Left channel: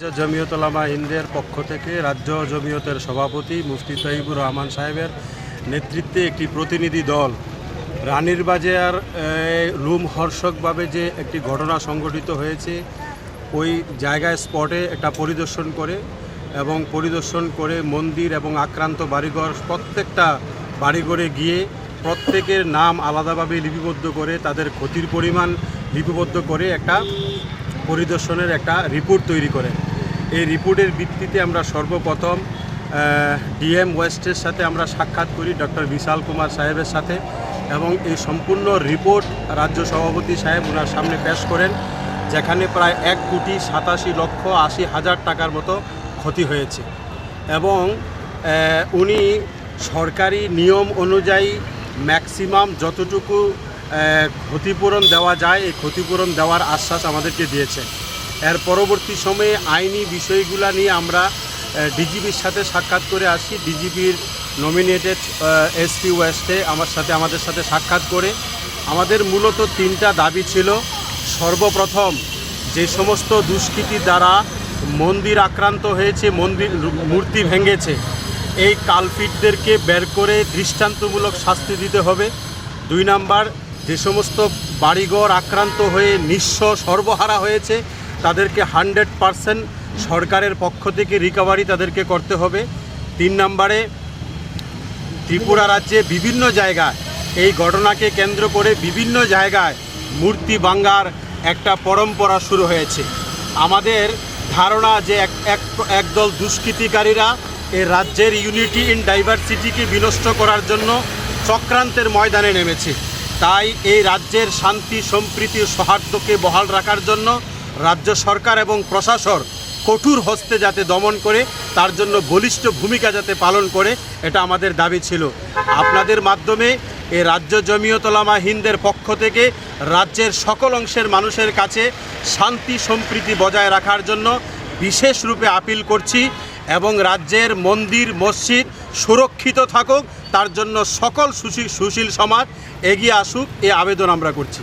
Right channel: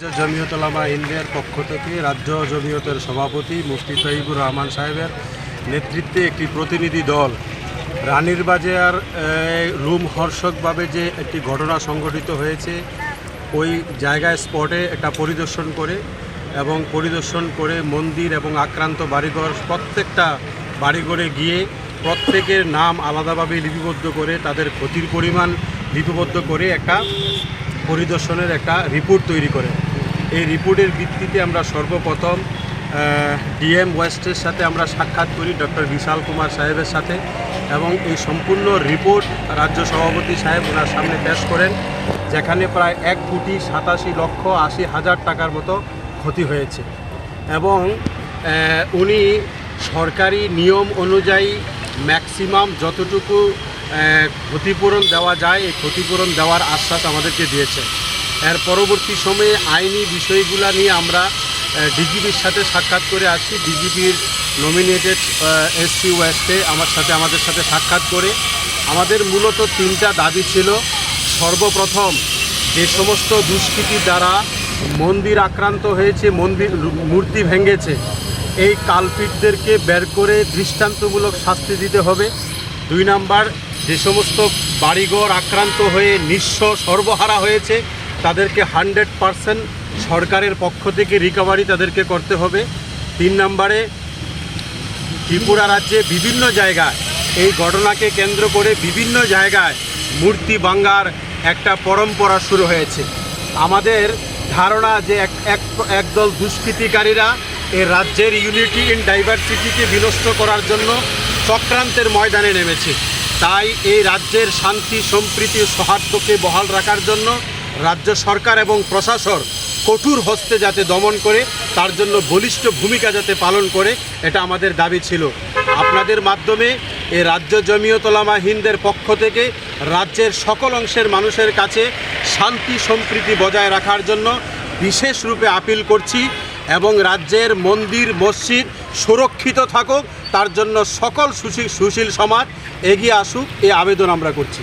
জমিয়তলামা ইন্ডিয়ার পক্ষ থেকে রাজ্য জমিয়তের সভাপতি মুফতি তহিবুর রহমান সাহেবের নেতৃত্বে একটি প্রতিনিধি দল, রানীর বাজার রুম হর্ষকভাবে যে একটি ঘটনা সংঘটিত হয়েছে, ওই জায়গায় স্পটে একটা পরিদর্শন করে এবং পরিদর্শন করে মন্দির এবং আক্রান্ত বাড়িঘর প্রত্যেকটা বাড়িঘরে গিয়ে প্রত্যেকের নাম আলাদাভাবে লিপিবদ্ধ করে তাদের ক্ষতির পরিমাণ লিপিবদ্ধ করে একটা পরিদর্শনের একটা রিপোর্ট তৈরি করে। এই রিপোর্টের ভিত্তিতে আমরা সর্বপ্রথম ডিএম ওয়েস্টের সাথে আমরা সাক্ষাৎ করি ডক্টর বিশাল কুমার সাহেবের সাথে এবং এই সম্পূর্ণ রিপোর্ট রাজ্য সভাপতি সাহেব ওনার সামনে পেশ করেন, যেখানে প্রায় এক কোটি সাতাশি লক্ষ আশি হাজার টাকার মতো ক্ষতি হয়েছে। এবং উনি সরকারি নিয়ম অনুযায়ী ম্যাক্সিমাম যতটুকু ক্ষতিপূরণ দেওয়া যায়, এই ক্ষতিপূরণ দেওয়ার আশ্বাস আমাদেরকে দিয়েছেন। এর পরবর্তী সময়ে আইনি বিষয়গুলা নিয়ে আমরা ডিজিপির সাথে সাক্ষাৎ করে আসি। ডিজিপির নমিনেটেড এসপি ওয়েস্টে আমার সাথে, আমাদের সাথে সাক্ষাৎ করে। আমাদের মূলত তিনটা দাবি ছিল। সর্বপ্রথম, যে সমস্ত দুষ্কৃতি দ্বারা মন্দির আক্রান্ত হয়েছে, মন্দির মূর্তি ভেঙেছে, এই কালপিটদেরকে বের করে দৃষ্টান্তমূলক শাস্তি দিতে হবে। দুই নাম্বার, যে সমস্ত বাড়িঘর আক্রান্ত হয়ে নিঃস্ব সর্বহারা হয়েছে তাদেরকে হান্ড্রেড পারসেন্ট সরকারের পক্ষ থেকে রিকভারি তাদেরকে করতে হবে। তিন নম্বরে, ত্রিপুরা রাজ্যে বিভিন্ন জায়গায় এই ঘটনাকে কেন্দ্র করে বিভিন্ন জায়গায় মূর্তি ভাঙ্গার একটা পরম্পরা শুরু হয়েছে। আমাদের ধারণা যে এক, এক- একদল দুষ্কৃতিকারীরা এই রাজ্যের ইউনিটি ইন ডাইভার্সিটিকে বিনষ্ট করার জন্য চক্রান্তের ময়দানে নেমেছে। তাই এই রাজ্যের শান্তি, সম্প্রীতি সৌহার্দ্যকে বহাল রাখার জন্য রাজ্য সরকার এবং প্রশাসন কঠোর হস্তে যাতে দমন করে, তার জন্য বলিষ্ঠ ভূমিকা যাতে পালন করে, এটা আমাদের দাবি ছিল। আপনাদের মাধ্যমে এ রাজ্য জমিয়তলামা হিন্দের পক্ষ থেকে রাজ্যের সকল অংশের মানুষের কাছে শান্তি সম্প্রীতি বজায় রাখার জন্য বিশেষ রূপে আপিল করছি এবং রাজ্যের মন্দির, মসজিদ সুরক্ষিত থাকুক, তার জন্য সকল সুশীল সুশীল সমাজ এগিয়ে আসুক, এ আবেদন আমরা করছি।